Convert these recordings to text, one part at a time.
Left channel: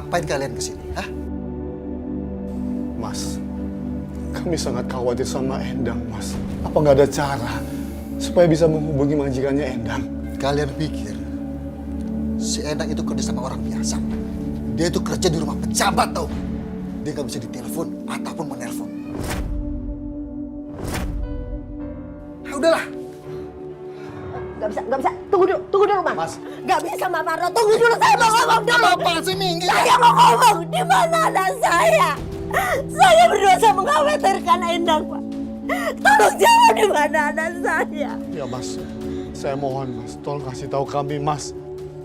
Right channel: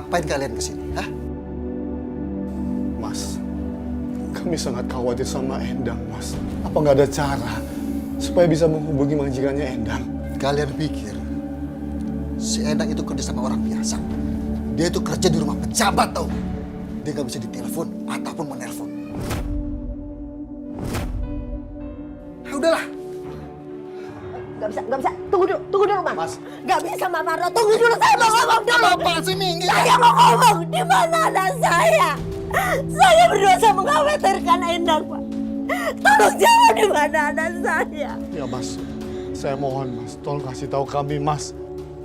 Ngapain kalian kesini? Hah? Mas, kami sangat khawatir sama Endang, Mas. Apa nggak ada cara supaya bisa menghubungi majikannya Endang? Kalian pikir si Endang itu kerja sama orang biasa? Dia itu kerja di rumah pejabat, tau nggak? Dia nggak bisa ditelepon ataupun menelpon. Ah, udahlah. Gak bisa. Tunggu dulu, Mas. Mas. Gak bisa, Mas Marno. Tunggu dulu, saya mau ngomong dulu. Apa sih, Minggi? Saya mau ngomong, di mana anak saya? Saya berdosa mengkhawatirkan Endang, Pak. Tolong jawab di mana anak saya. Ya, Mas. Saya mohon, Mas. Tolong kasih tahu kami, Mas.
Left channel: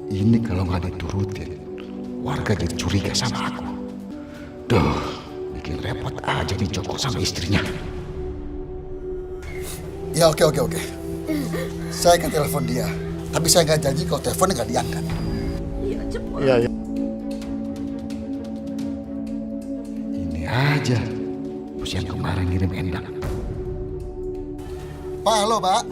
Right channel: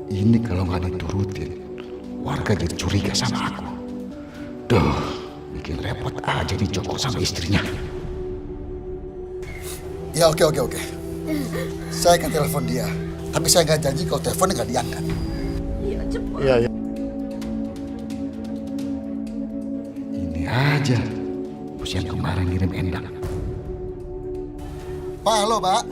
Ini kalau nggak diturutin, warga jadi curiga sama aku. Duh, bikin repot aja nih Joko sama istrinya. Ya oke. Saya akan telepon dia. Tapi saya nggak janji kalau teleponnya nggak diangkat. Iya, cepat. Iya. Ini aja, bos yang kemarin ngirim Endang. Pak, halo Pak.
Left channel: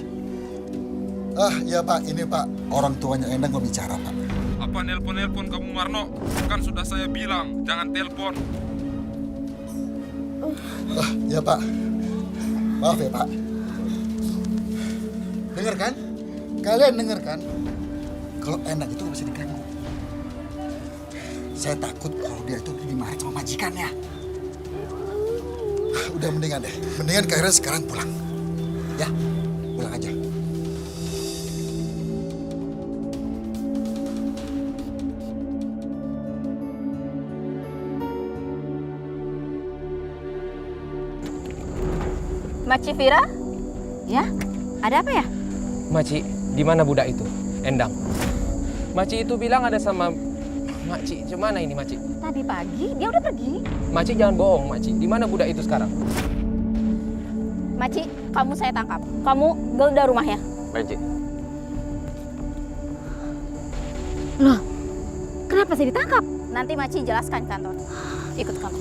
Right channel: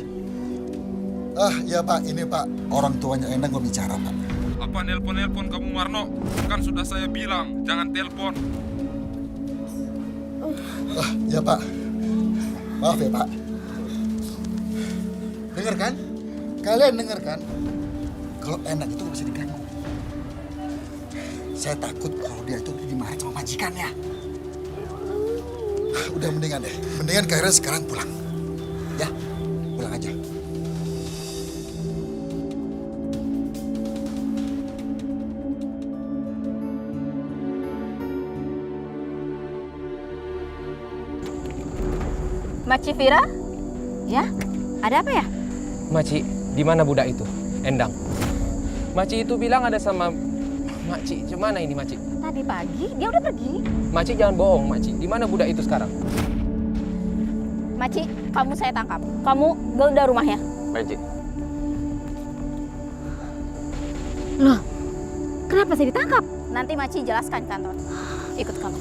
Iya Pak, ini Pak. Orang tuanya Endang mau bicara Pak. Apa nelpon kamu Marno? Kan sudah saya bilang, jangan telepon. Ya Pak. Maaf ya Pak. Dengar kan? Kalian dengar kan? Kalau Endang itu nggak bisa diganggu. Saya takut kalau dia itu dimarahin sama majikannya. Udah mendingan deh. Mendingan kalian sekarang pulang. Ya, pulang aja. Maci Vira? Ya, ada apa ya? Maci, di mana budak itu? Endang. Maci itu bilang ada sama Maci. Gimana ini Maci? Tadi pagi dia udah pergi. Maci jangan bohong, Maci. Di mana budak itu sekarang? Maci, kamu saya tangkap. Kamu geledah rumahnya. Maci. Loh, kenapa saya ditangkap? Nanti Maci jelaskan kantor. Ikut kamu.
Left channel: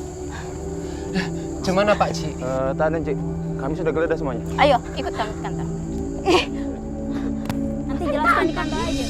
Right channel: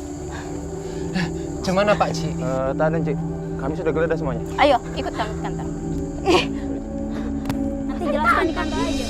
Gimana Pak Ci? Tahan, Cik. Kami sudah geledah semuanya. Ayo, ikut kami ke kantor. Nanti jelaskan di kantor aja.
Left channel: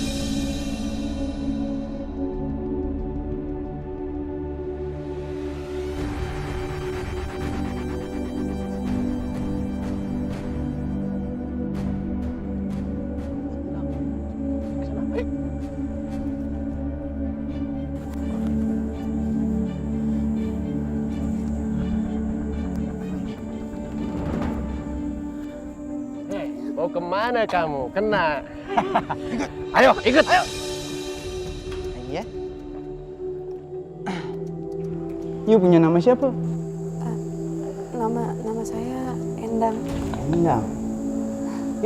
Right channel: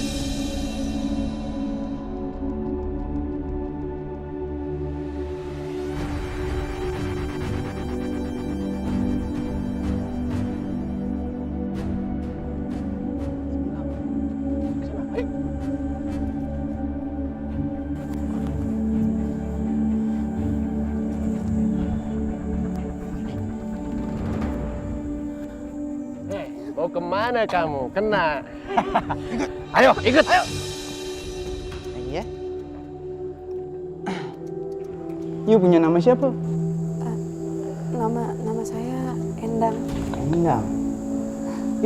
Mau kemana kamu? Kena. Ayo, ikut. Ayo. Iya. You punya nama siapa? Nama saya Endang. Endang.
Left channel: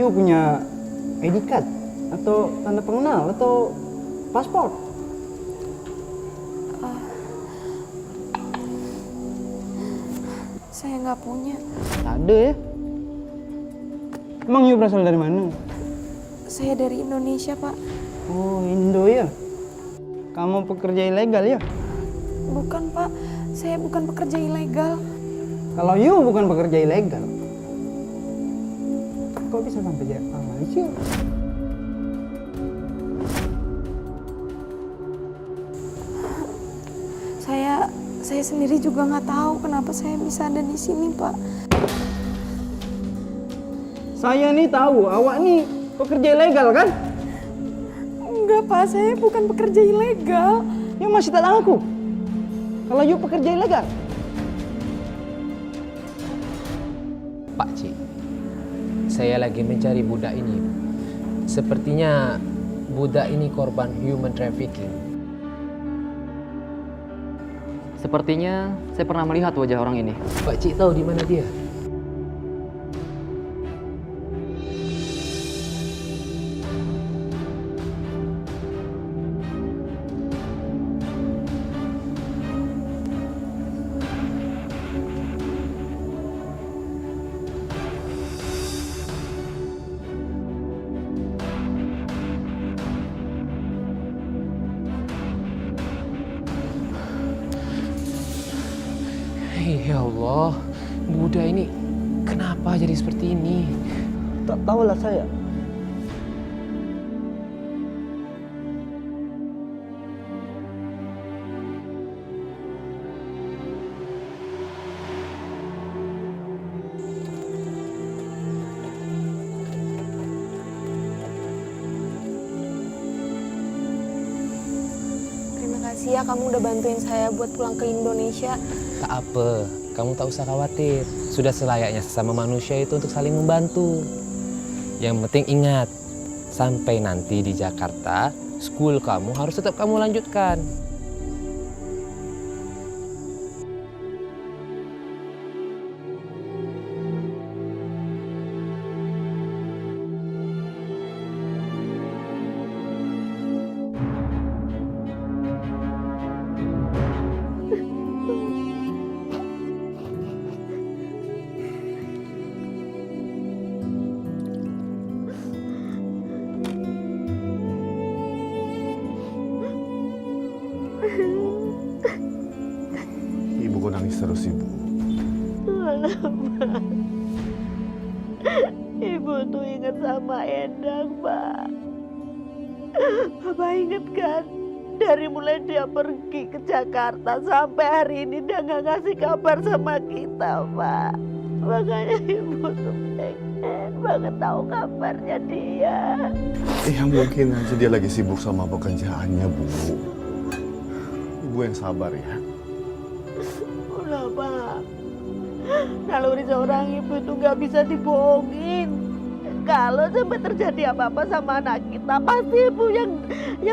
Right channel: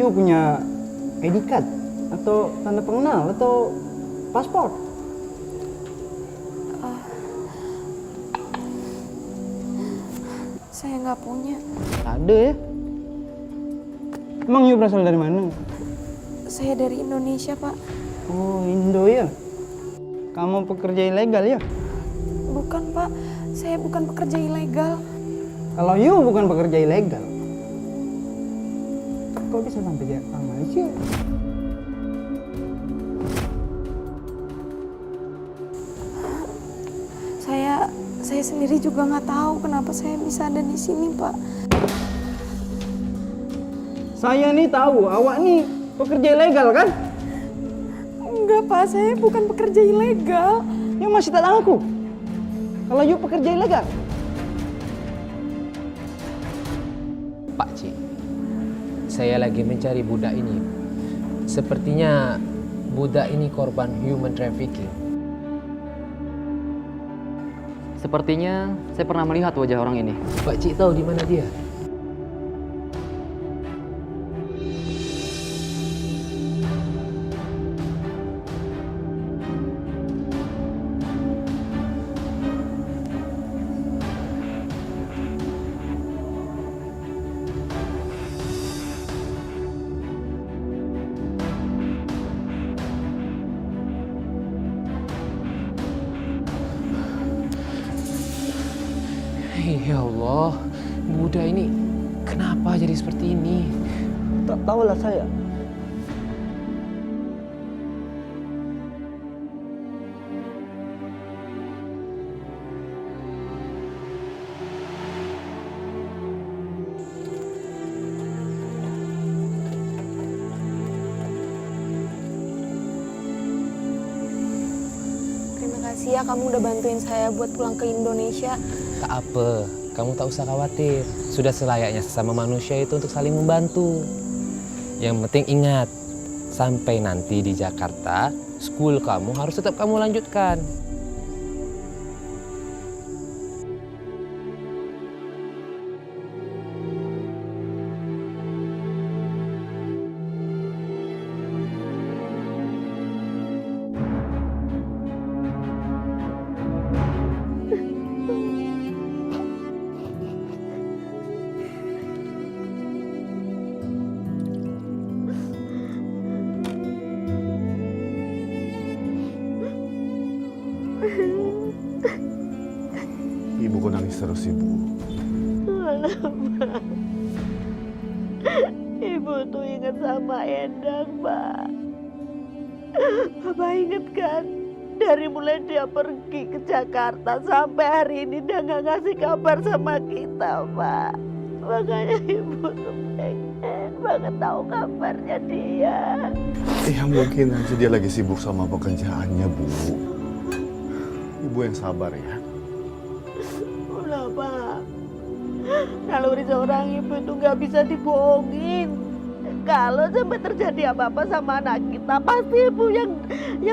You punya ID card atau tanda pengenal atau paspor? Saya nggak punya. Ada ya. Emang you berasal dari mana? Saya dari Indonesia, Pak. Oh, Indo ya. Kamu pekerja ilegal ya? Bukan, Pak. Saya bukan pekerja ilegal. Kalau you bukan pekerja ilegal, kok bisa sampai ke Malaysia? Saya sendiri juga nggak tahu kenapa saya bisa ada di sini, Pak. Saya nih tahu, awak nih pekerja ilegal kan? Enggak, Pak. Saya bukan pekerja ilegal. You masih tak tahu aku? Kalau you pekerja ilegal? Pak Ci, saya lagi mencari budak ini. Sepertinya budak ini korban human trafficking. Sepertinya saya pernah melihat wajah orang ini. Pak Ci tahu di mana dia? Ya Allah, budak ini kenapa jadi seperti ini? Tak tahulah saya. Makasih ya kamu udah bantuin saya buat pulang ke Indonesia. Tak apa, kamu tak usah khawatir. Sudah selayaknya sesama manusia itu untuk saling membantu. Yang penting ingat, sampai nanti di Jakarta, school kamu harus tetap kamu lanjutkan. Ibu kok nangis terus, Ibu? Kenapa? Ibu tuh ingat sama Endang, Pak. Bapak inget kan? Dari mulai dia pergi ke Jakarta sampai hari ini dia nggak ngasih kabar sama kita, Pak. Makanya Ibu tuh pengen banget tahu kabarnya dia. Ya mungkin aja dia lagi sibuk sama pekerjaannya, Bu. Ibu yang sabar ya. Udah, Pak. Naluri seorang ibu itu nggak bisa dibohongin. Kalau sampai terjadi apa-apa sama anak kita, pasti ibu yang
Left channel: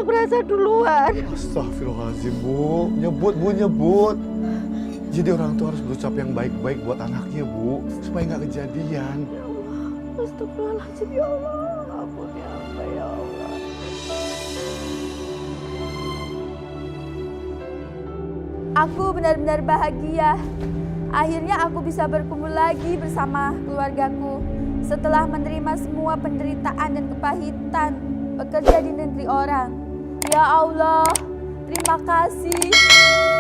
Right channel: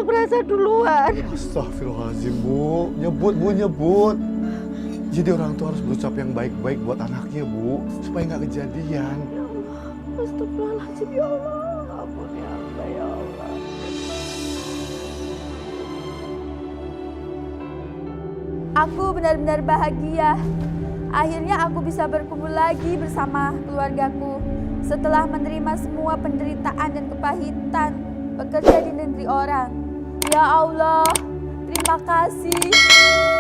merasa duluan. Astagfirullahaladzim, Bu. Nyebut, Bu, nyebut. Jadi orang tua harus berucap yang baik-baik buat anaknya, Bu. Supaya nggak kejadian. Ya Allah, astagfirullahaladzim, ya Allah. Ampuni hamba, ya Allah. Aku benar-benar bahagia. Akhirnya aku bisa berkumpul lagi bersama keluargaku. Setelah menerima semua penderitaan dan kepahitan bekerja di negeri orang. Ya Allah, terima kasih.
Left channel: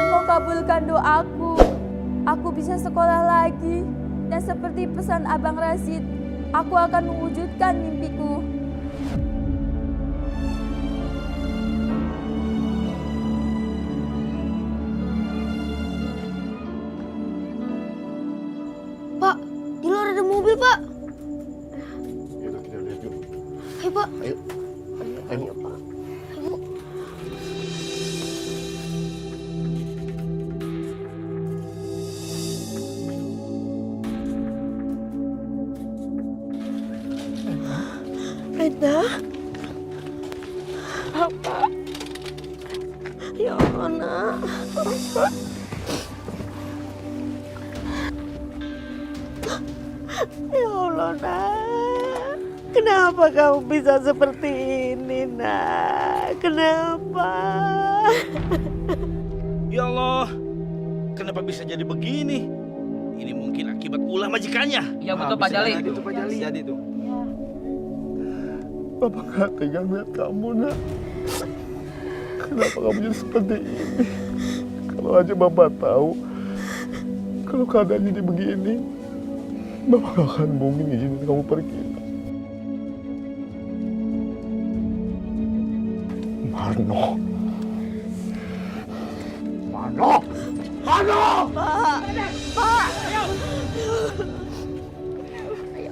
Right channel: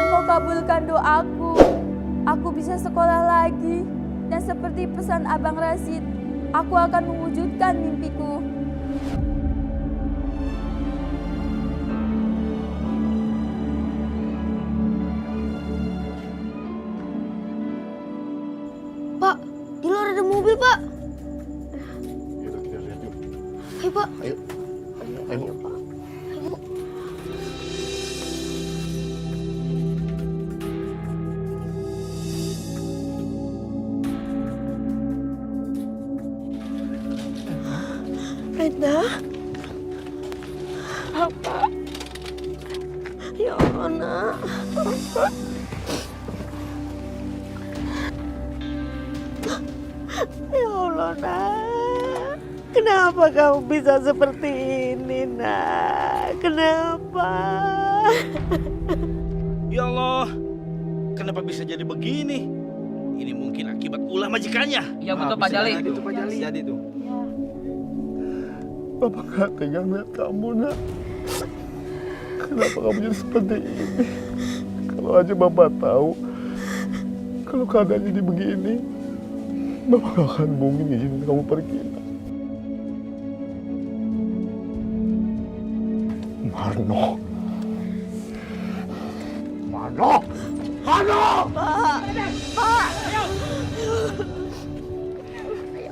Engkau kabulkan doaku. Aku bisa sekolah lagi. Dan seperti pesan Abang Rasid, aku akan mewujudkan mimpiku. Pak, di luar ada mobil, Pak. Yaudah, kita lihat yuk. Ayo, Pak. Ayo. Ayo, Pak. Ayo. Reda? Apa? Ya Allah, nak. Ya Allah, nak. Kenapa kamu bisa seperti ini, nak? Kenapa? Ya Allah, kenapa bisa jadi begini? Ini mungkin akibat ulah majikannya. Iya betul Pak Jali. Itu Pak Jali. Jadi tuh. Bapak nggak tega lihat kamu, Nak. Kenapa kamu jadi seperti ini? Kalau aja Bapak tahu, kalau keadaannya jadi begini, Bapak gak akan mungkin izinin kamu pergi, Nak. Marno. Marno! Marno! Pak! Pak! Ayo.